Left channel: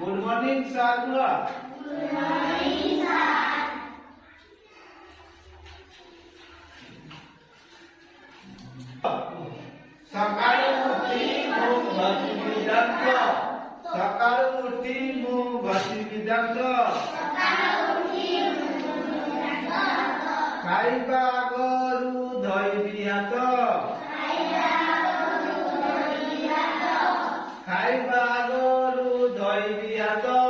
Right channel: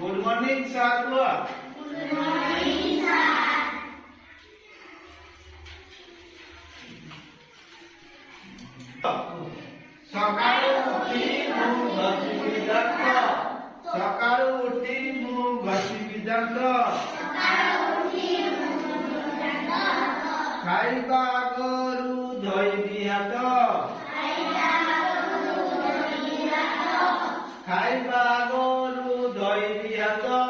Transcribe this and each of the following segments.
Good morning sir બોલો. Good morning sir. સકાળે ઉઠી મું ઘસી વિધાનતો. સકાળે ઉઠી મું ઘસી વિધાનતો. ખાଇବା ગરું ધોઈ દિયાતો. ખાଇବା ગરું ધોઈ દિયાતો.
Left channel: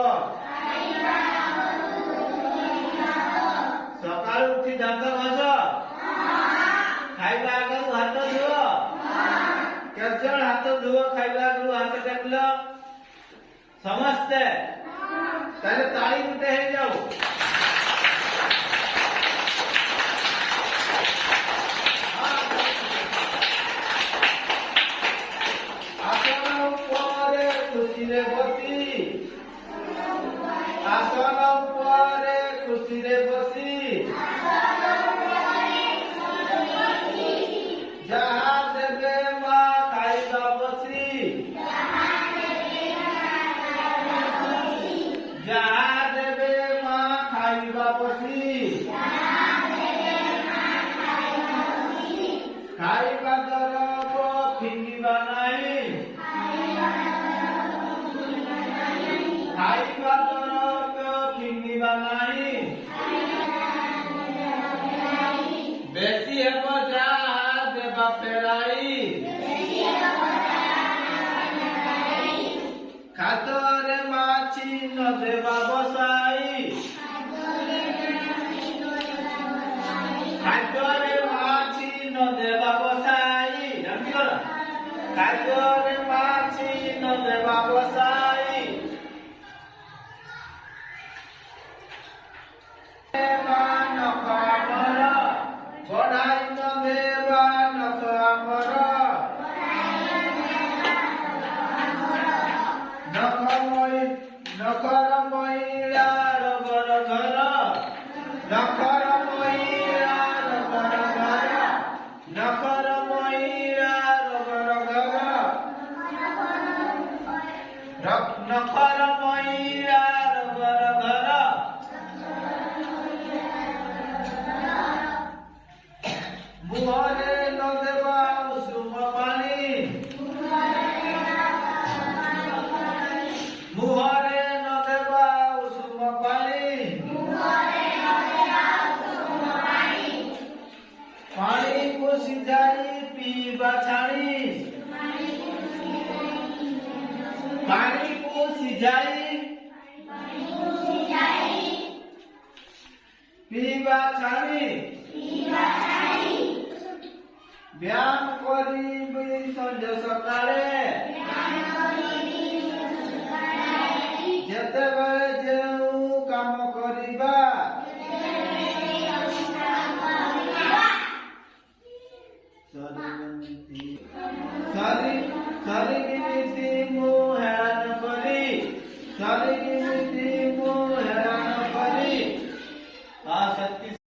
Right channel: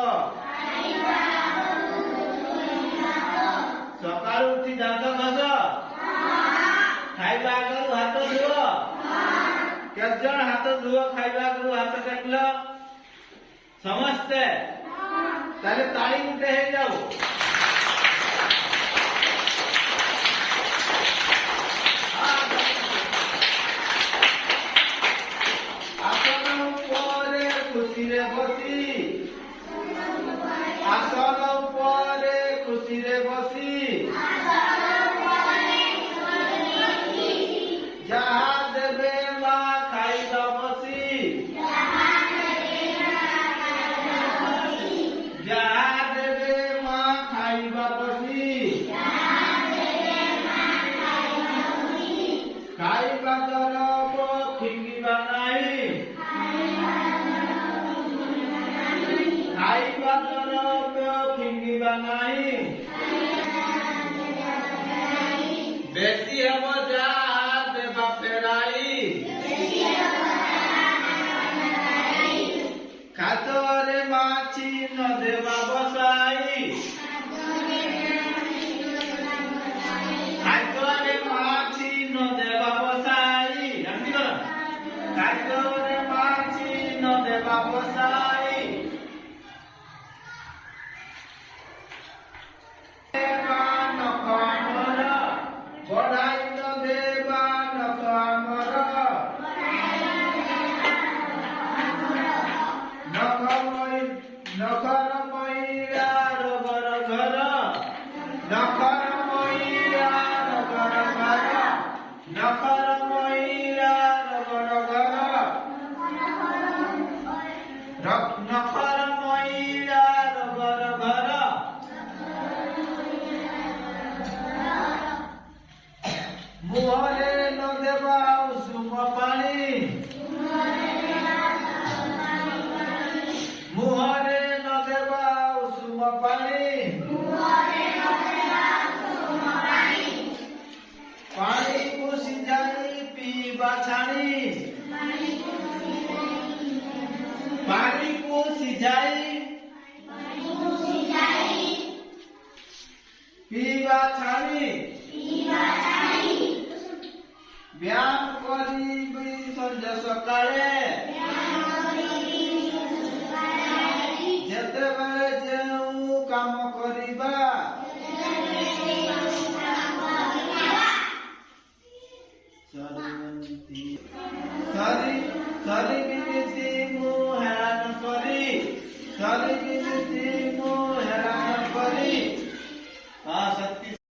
સકાળે ઉઠી દાંત ઘસો. ખાଇବା ગરું હાથ ધોવો. કેજણ હાથ ધોવો ખાଇବା ગરું હાથ કાઢલો. સમજતે તારે તાળી ઉઠે હે જાવ. આસન ઉપરે ખુશી રે બસી. આસન ઉપરે ખુશી રે બસી. જહા દેવે માં ખાઈબા બસી. જહા દેવે માં ખાઈબા બસી. ખાઈબા તરફ ફીંગીબા નહીં. ખાઈબા તરફ ફીંગીબા નહીં. બેસી હે બજા દેવા પેરાઈ. ખાતરે માછી ન દેવા બસાઈ. ખાતરે માછી ન દેવા બસાઈ. નક્કી કરો. ખાતરે માછી ન દેવા બસાઈ. ગોડાઈ ન દેવા નખ અમર. નખર મૈરા રબર ઘર. નખર મૈરા રબર ઘર. નખર મૈરા રબર ઘર. નખર મૈરા રબર ઘર. મુહરે ન દેવા ઉસુમ પાણી. મુહરે ન દેવા ઉસુમ પાણી. પાણી કુસી જાય પીવા છાણી. પાણી કુસી જાય પીવા છાણી. વ્યાયામ કરી સંજ સકાળે. જેତେବେଳେ ଯେଉଁ କାମ କରିବା. ସରି ବିନିତି ମୁଁ ହେରାନ କରି. ସରି ବିନିତି